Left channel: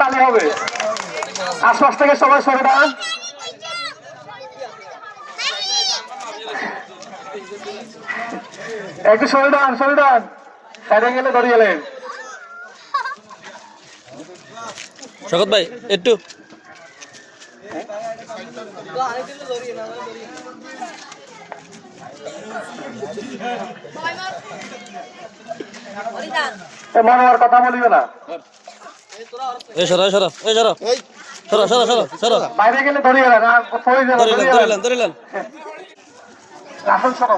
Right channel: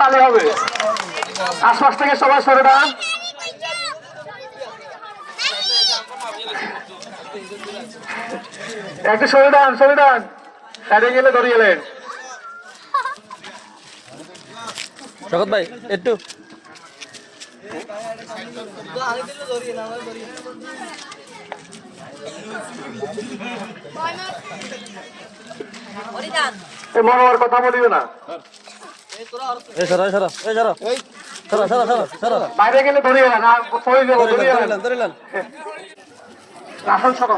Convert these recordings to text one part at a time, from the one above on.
তাহলে হবে। আশপাশ থেকে সবাই সরে দাঁড়ান। একটু সরে দাঁড়ান, সরে দাঁড়ান, সাইডে গেলে ধরে গেলেন। শকত ভাই একটু মনে হওয়ার কথা বলিবে না। বাইরে গেলে ধরে গেলেন, ধরিলেন রাফেল সরো।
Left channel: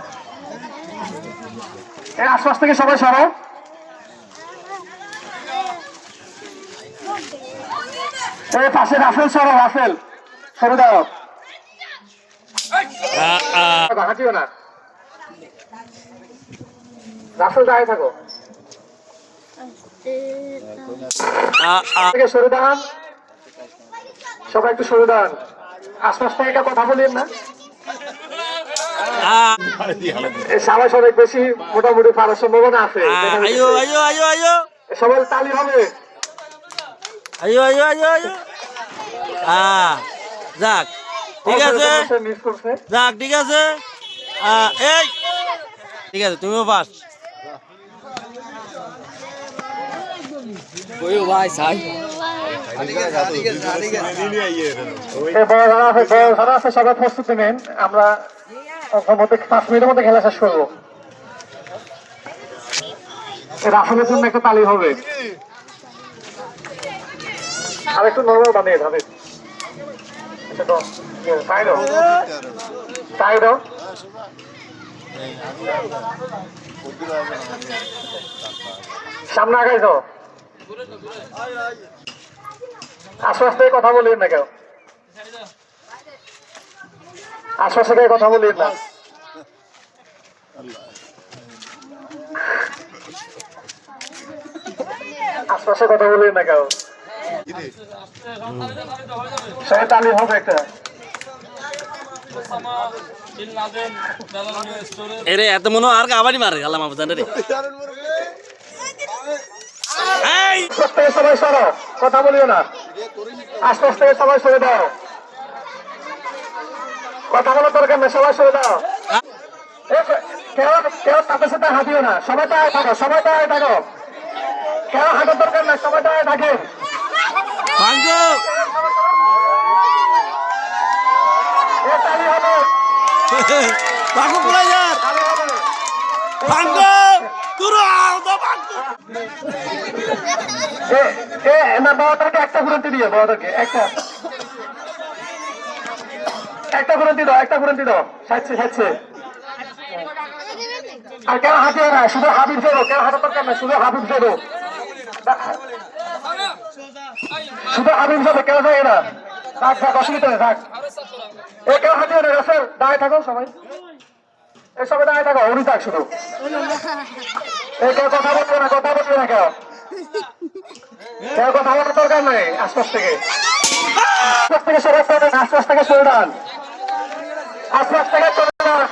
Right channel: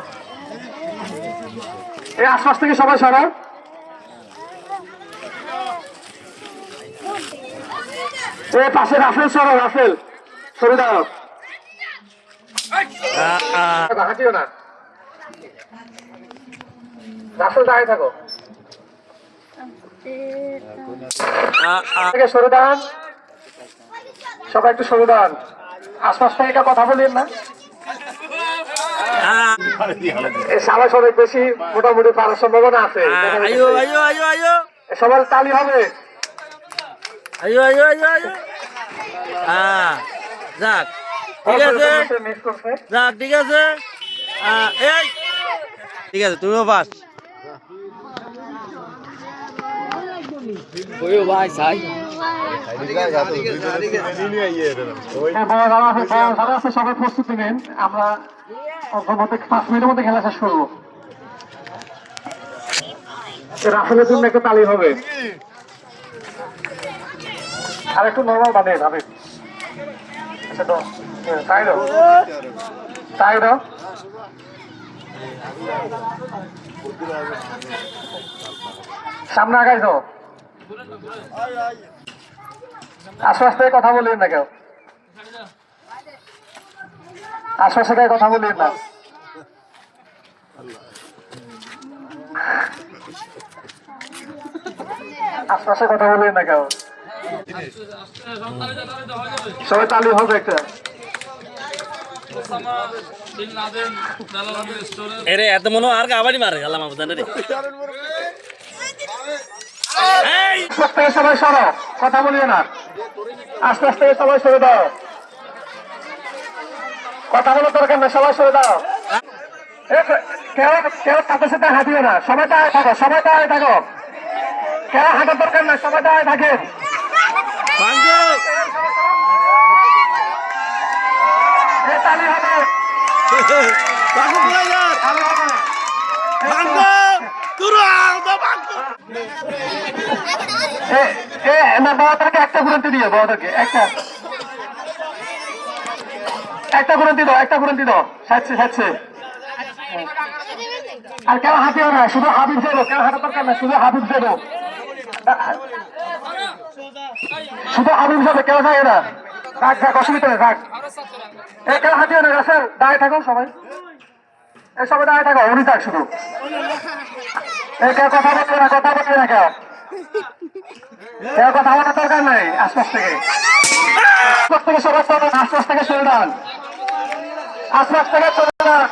এই আশপাশ থেকে সবাই সরো। এই পাশে রাফেল সরো, রাফেল সরে দাও, হাঁটিও না। রাফেল দাঁড়িয়ে থাকো, সরে দাঁড়ান, সবাই একটু সরে দাঁড়ান। আশপাশ থেকে এটা কথা বলিয়েন না। সবাই অনেক বেশি মোটামুটি পারার সম্ভাবনা আছে। সবাই তালি হবে। যাক ঠিক আছে, যাক ঠিক আছে, এই ঠিক আছে, তুমিও পাস। সবাই প্রস্তুতি নেন, আমরা 5 মিনিটের মধ্যে খেলা শেষ করবো। রাফেলের জন্য একটা তালি হবে। আর একটু নরমাল বানিয়ে ভাবে। সামনে আগাই তো, আশপাশ থেকে কথা বলিন না কেউ, আশপাশে থেকে কথা বলিন না। আশপাশে কথা বলিন না কেউ, সবাই তালি হবে একটা। এরে এত মনে আর কাবাডি মারে আল্লাহ মাহবুব জানে রে। সবাই সরো, কথা বলিও না। আশপাশ থেকে সবাই সরে দাও, কথা বলার দরকার না, সবাই সরে দাও। কেউ তাদের সাথে হাঁটিও না, সবাই দাঁড়ায় থাকো, সবাই দাঁড়ায় থাকো। কেউ হাঁটার দরকার না, সবাই দাঁড়ায় থাকেন। তালি হবে, একটা গুরন্তি দিও, বাবাদেরকে একটা গুরন্তি দাও, একটা গুরন্তি দাও, সাজছে। আর কেন হাঁটিও না, শুধু হাবিব যাবো, কেন হাঁটার দরকার না, শুধু হাবিব যাবো, শুধু হাবিব যাবে, কেউ যায় না। থাক, অসুবিধা নেই, থাক। কেউ হাঁটিও না, রাসেল দাঁড়িয়ে থাকো সবাই, সবাই দাঁড়িয়ে থাকো, উনি থাক শুধু। কেউ কথা বলবে না, কথা বলবে না, কেউ কথা বলার দরকার নেই। আশপাশ থেকে সবাই চলে, আশপাশ থেকে চলে যান, আশপাশ থেকে চলে যান।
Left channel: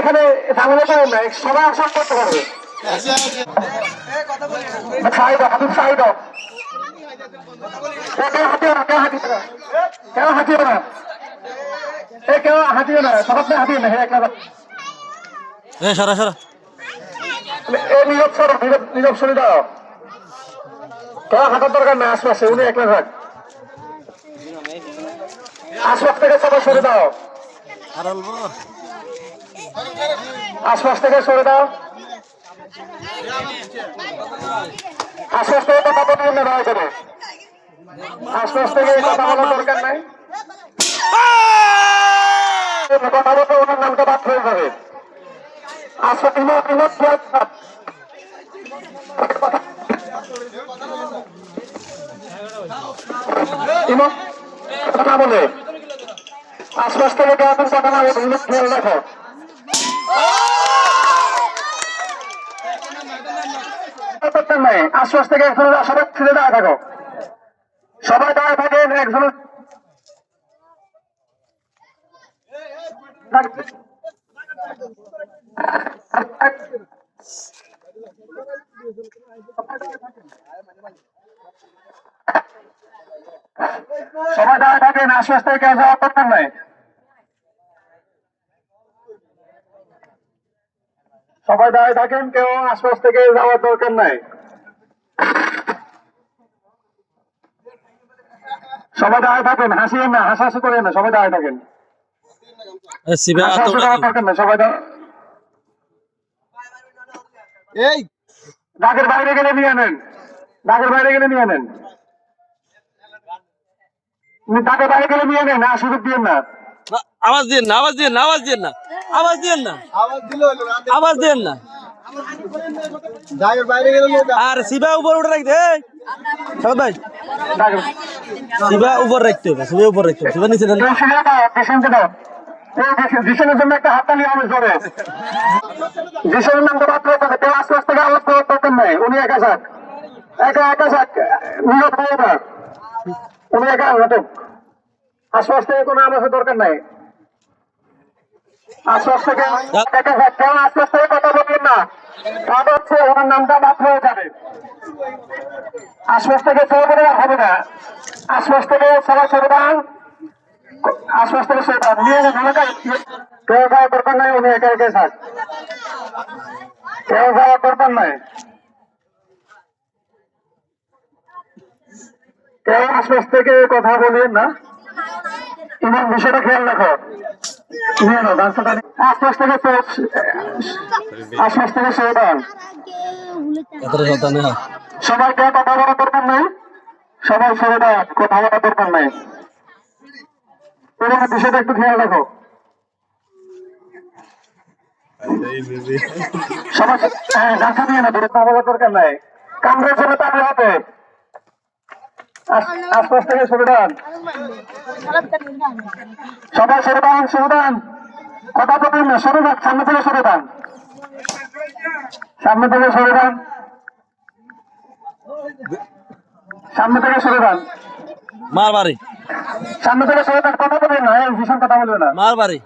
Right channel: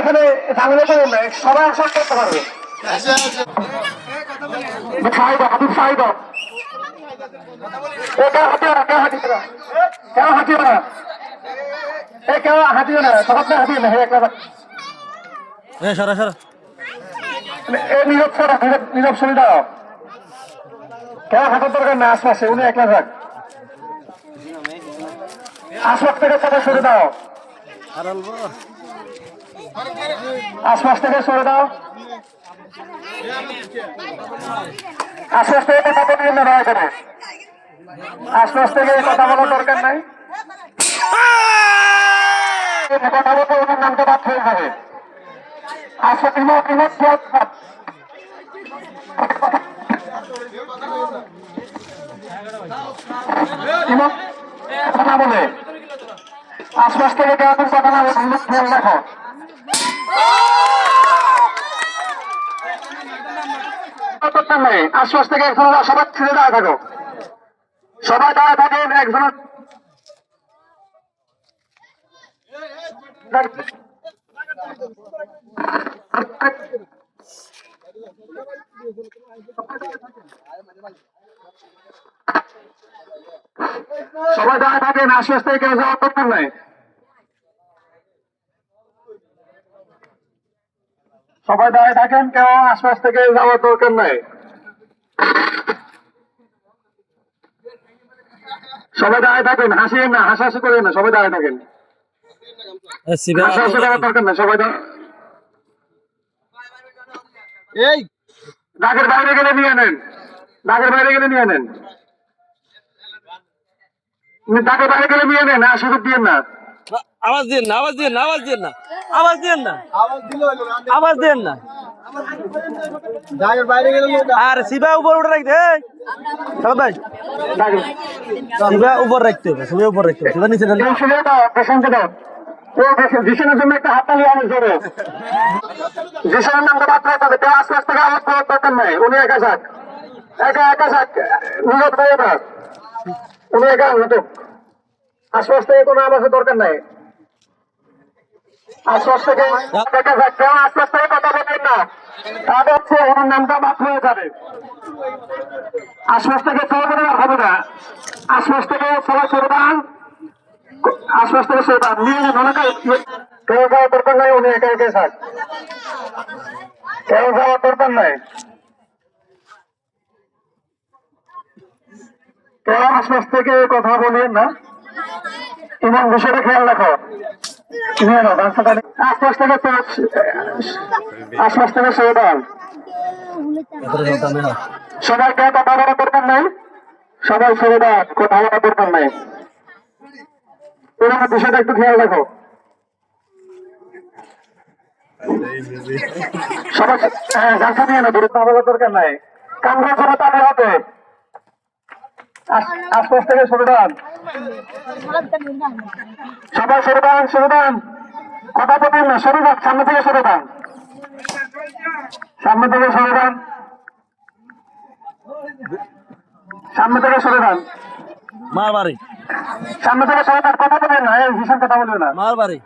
এখানে ঝামেলা করবেন না, সবাই আশা করতে পারবে। হাবিব সাহিদ কেউ হাঁটিও না, কেউ হাঁটিও না, সবাই হাঁটিও না। নীরব সরে দাও, কেউ হাঁটার দরকার না, আশপাশে উনি একলা থাক। আশপাশ থেকে সবাই সরে দাও, আশপাশ থেকে সরে দাও, আশপাশ থেকে কথা বলিয়ে না, দয়া করে আশপাশ থেকে কথা বলার দরকার নাই। কথা বলতে ওনার নামটা বাদ হয়ে যাবে। আচ্ছা কথা বলে আশপাশ থেকে কেউ কথা না বলে খেয়াল রাখো। নাই আশপাশ থেকে একজন সবাই ছেড়ে দাঁড়া থাকো, সবাই দাঁড়া থাকেন। একজনের সবাই দাঁড়িয়ে থাকেন, আশপাশ থেকে কেউ যাওয়ার দরকার নাই। সবাই দাঁড়িয়ে থাকেন, কেউ আশপাশ থেকে যাওয়ার দরকার নাই। সবাই দাঁড়িয়ে থাকেন, হাসিয়েন না, হাসাহাসি করেন না, সবাই দাঁড়িয়ে থাকেন। হাসাহাসি করার দরকার নাই, সবাই এই দাগের বাইরে গেলে নিয়ে নেন, দাগের বাইরে গেলে নিয়ে নেন, দাগের বাইরে গেলে নিয়ে নেন, আর সুযোগ দিয়েন না। আওয়াজ দিন না, আওয়াজ দিন না, আওয়াজ দিন না, আওয়াজ দিন না, আওয়াজ দিন না। আর সিবা উপর উঠে রাখতে সাবাদ ভাই, সিবা উপর রাখতে হবে, সিবা উপর রাখতে হবে, সিবা নিচে দেন না। জিশনের জন্য একটা হাততালি আওয়াজ ধরে, জিশনের নামটা বাদ করতে হবে, কেউ আস্তে আস্তে আওয়াজ করার দরকার নাই। উনি একা যাক, একা যাক, নিহত হয়ে না, উনি একা নাটক। আশ্বাস থেকে কোনো আওয়াজের দরকার নাই। আশ্বাস থেকে একা যাক, কেউ আশ্বাস থেকে কথা বলবেন না, তাহলে হচ্ছে ওনার নামটা বাদ হয়ে যাবে। আশ্বাস থেকে চলে গেলে হবে না, আশ্বাস থেকে সবাই ছেড়ে দেন, আশ্বাস থেকে ছেড়ে দেন, নিয়ে যান ওনাকে। কেউ যাওয়ার দরকার নাই, উনি একা থাক, কেউ যাওয়ার দরকার নাই। কেউ আশ্বাস থেকে কথা বলবেন না, ইমান বিষয়টা খেয়াল রাখো। আশ্বাস থেকে ছেড়ে দেন, সবাই কেউ কথা বলার দরকার নাই, সবাই ছেড়ে দেন, কথা বলার দরকার নাই। তোমার বিষয়টা একটু খেয়াল রাখো। সবাই গাছা নিয়ে না, দূরে বলার দরকার নাই, কাম করছে না তাহলে হবে। আশ্বাস থেকে সরে দেন, সবাই সরে দেন, কথা বলবেন না, সরে যান, সামনে থেকে সরে দেন, সামনে থেকে সরে দেন, সামনে থেকে সরে দেন, মার বাড়ি, সামনে থেকে সরে দেন, কথা বলবেন না, ভীষণ কথা বলবে না। মার বাড়ি।